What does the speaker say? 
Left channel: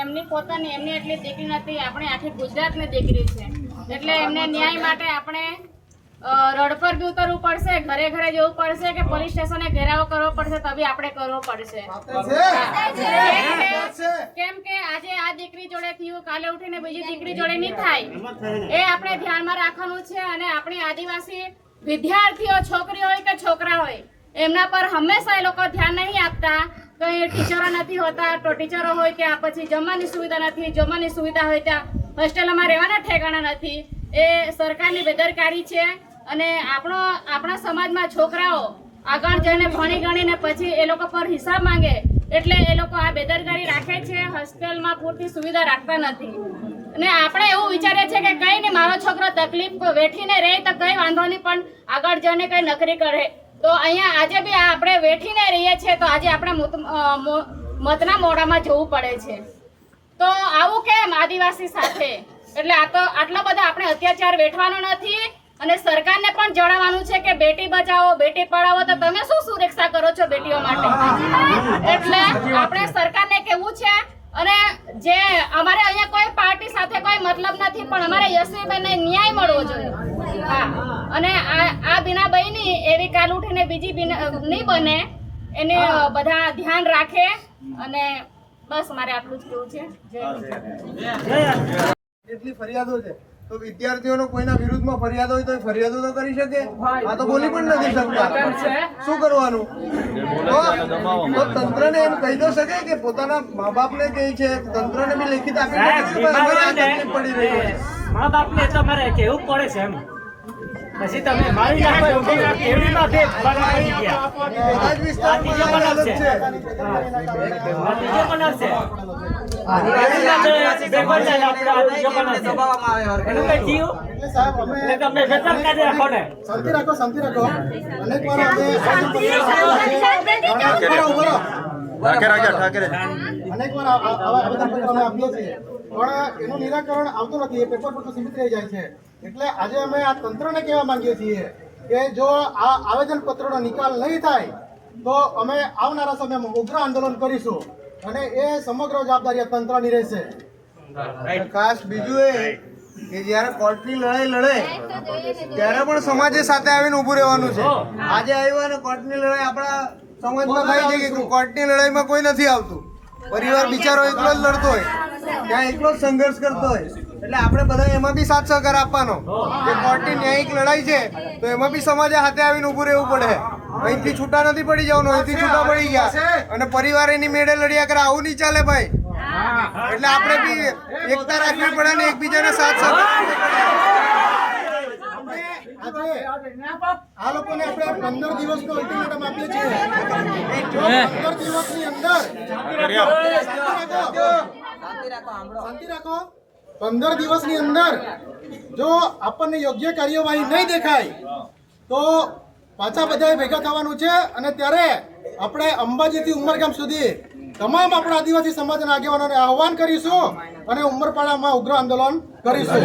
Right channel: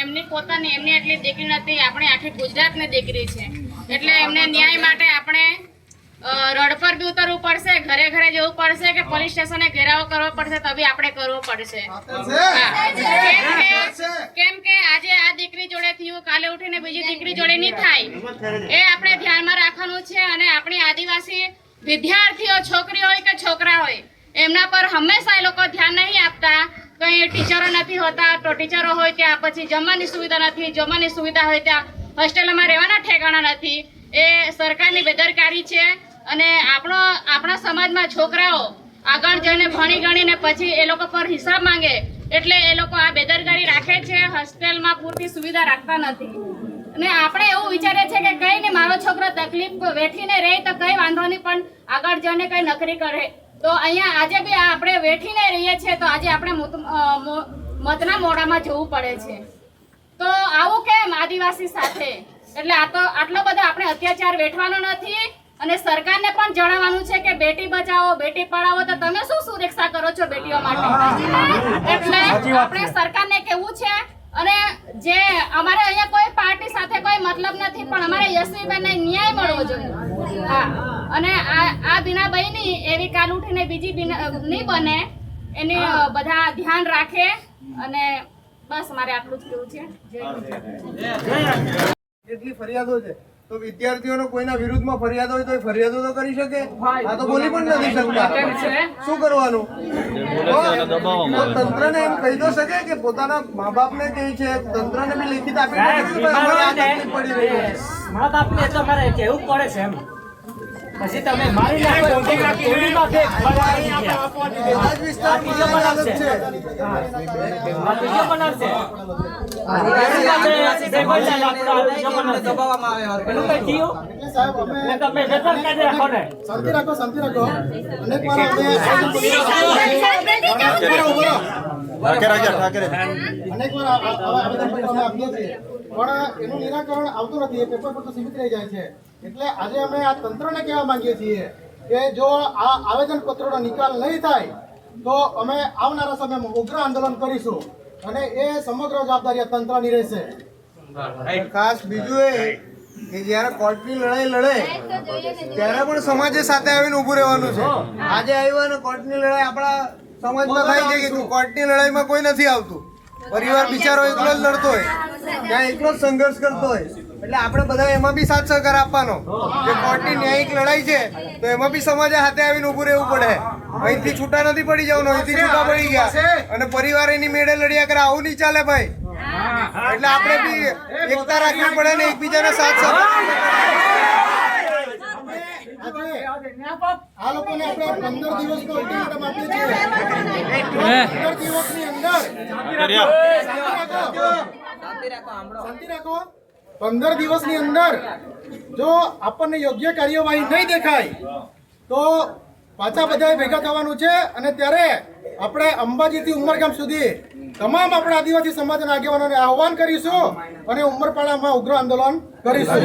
એમની પોતાની એમની એટલી દીકરી નથી. આપણી આખી ગુજરાતની દીકરી છે. એટલે એમને ન્યાય માટે આપણે રોડ પર બી ઉતરવું પડશે ઘરે ઘરે જવું પડશે કે પોલીસ સ્ટેશને ઘેરાવો કરવો પડશે તો બી આપણે કરવો પડશે. કેમ કે- કેમ કે આજે આ દીકરી જોડે થયું કાલે ઉઠીને બીજી દીકરી જોડે નહીં થાય. એ આપણે ધ્યાનમાં રાખવાનું છે અને આપણી આદિવાસી વિદ્યાર્થીઓ છોકરી હોય કે છોકરા હોય એમના પર હંમેશા એ લોકો ધ્યાન નહીં આપતા. કઈ ટીચરો નથી હોતા, તો ટીચરો હોય ત્યાં, પછી જમવાની સુવિધા નથી, જમવાની સુવિધા હોય ત્યાં, હોસ્ટેલમાં રહેવાના ઠેકાણા નથી. એ સરકારની બેદરકારી છે અને આપણો, આપણા સમાજમાં છોકરાઓ આગળ જઈને ભણી ગણીને પછી એ લોકો પર હિસાબ માંગે એટલે એ લોકો આ બેદરકારી રાખે છે, હોસ્ટેલમાં પૂરતી સુવિધા રાખતા નથી. અને આપણે એવું વિચારીએ છીએ કે કંઈ નહીં, મારો છોકરો તકલીફ વેઠીને રહે તો કંઈ વાંધો નહીં, પણ આગળ જઈને કંઈ નોકરી કરે. તો અહીંયા આજે બી આપણે વેઠીને રહીએ છીએ તો આજે આપણે મત- મતના મોડામાં જવું પડે છે. તો આવું કેમ આદિવાસી સાથે? એટલે આ તો આટલો બધો આપણે અત્યાચાર વેઠવાનો નથી અને સરકારને પણ જણાવવાનું છે કે બેટી બચાવો બેટી પઢાવો તો તમે શું સુરક્ષા કરો છો બેટીઓ માટે? એટલે આપણે સરકારને કેવું છે અને જે અમારે અહીંયા કોઈ પાર્ટી સાથે કોઈ મતલબ નથી પણ અમારે યશવીબેનને ન્યાય મળવો જોઈએ. હા. અને આ આ બીના બહેની એવી કાલ ઉઠીને બીજી બીના નહીં બને એને બધા ધ્યાન રાખે અને બસ મારે આટલું જ કેવું છે. જય. કેટલી ફરિયાદો છે? તો વિદ્યાર્થીઓનો કોઈના વિરુદ્ધમાં ફરિયાદ હોય તો એ ફરિયાદો તો કરી શકે. આ તો બોલી પણ નથી શકતા. શું કરવાનું? તો તો તંત્રને એમ કહી દો શકે કે પોતાના મા બાપને કહે છે તંત્રને બી લેખિત આપી દે પડી રહી છે? મા બાપને તમારે કેવું પડે છે એમ. પછી તમે મારી નાખો ગયા. વિસ્તારમાં છે. આદિવાસી આપણે એનું કંઈ થયું? સાહેબ અમે રાખો ને. શાંતિ રાખો શાંતિ રાખો અનેક વાર અમે. અનેક વાર આ- આ- આવા આવેદનપત્રો અમે આપીએ છીએ. પણ એનું નિરાકરણ આવતું નથી. એ પેપર પૂરતું સીમિત રહી જાય છે. એટલે આજે અમે આ તંત્રને કહેવા માંગીએ છીએ કે જો આ આવેદનપત્રોનો નિકાલ નહીં થાય તો અમે આવનારા સમયમાં ઉગ્ર આંદોલન કરીશું અને એ સમગ્ર જવાબદારી આ તંત્રની રહેશે. ખાસ બીજું એ કે જ્યારે કોર્ટની લડાઈ લડે ત્યારે પણ સમાજે સાથે આવીને ઊભું રહેવાનું છે. આજે આવ્યું અને કોર્ટની લડાઈ આપણા સમાજમાં થાય છે કે કોર્ટની લડાઈમાં કોઈ નથી આવતું. પરિવાર બિચારો એકલો જ લડતો હોય. ત્યાં એકલો જ સંઘર્ષ કરતો હોય. એટલે આપણે બધા એમાં બી સાથ સહકાર આપવાનો. જે કોર્ટની ન્યાયિક લડાઈ છે તો એમાં બી સમાજે હાથે આવીને ઊભું રહેવું પડે. અહીંથી છૂટા નથી પડી જવાનું અહીંથી છૂટા પડી ગયા. અને પરિવાર એની મેળે લડ્યા કરે આવું નહીં ચાલે ભાઈ. એટલે આપણે બી એકતા રાખવી પડે ને એકબીજાને સાથ સહકાર આ લોકોને આપણે પંદર દિવસનો અલ્ટિમેટમ આપીએ છીએ. જો પંદર દિવસની અંદર શાંતિ રાખો. શાંતિ રાખો. પંદર દિવસની અંદર જો આપણને યોગ્ય કાર્યવાહી નહીં દેખાય તો પાછા બધાએ ભેગા થવાનું છે અને ત્યારે આપણે અંબાજીથી ઉમરગામ સુધી તમામ આપણા આદિવાસી સમાજના આગેવાનોને આહવાન કરીશું અને ઉમરપાડામાં ઉગ્ર આંદોલન કરીશું.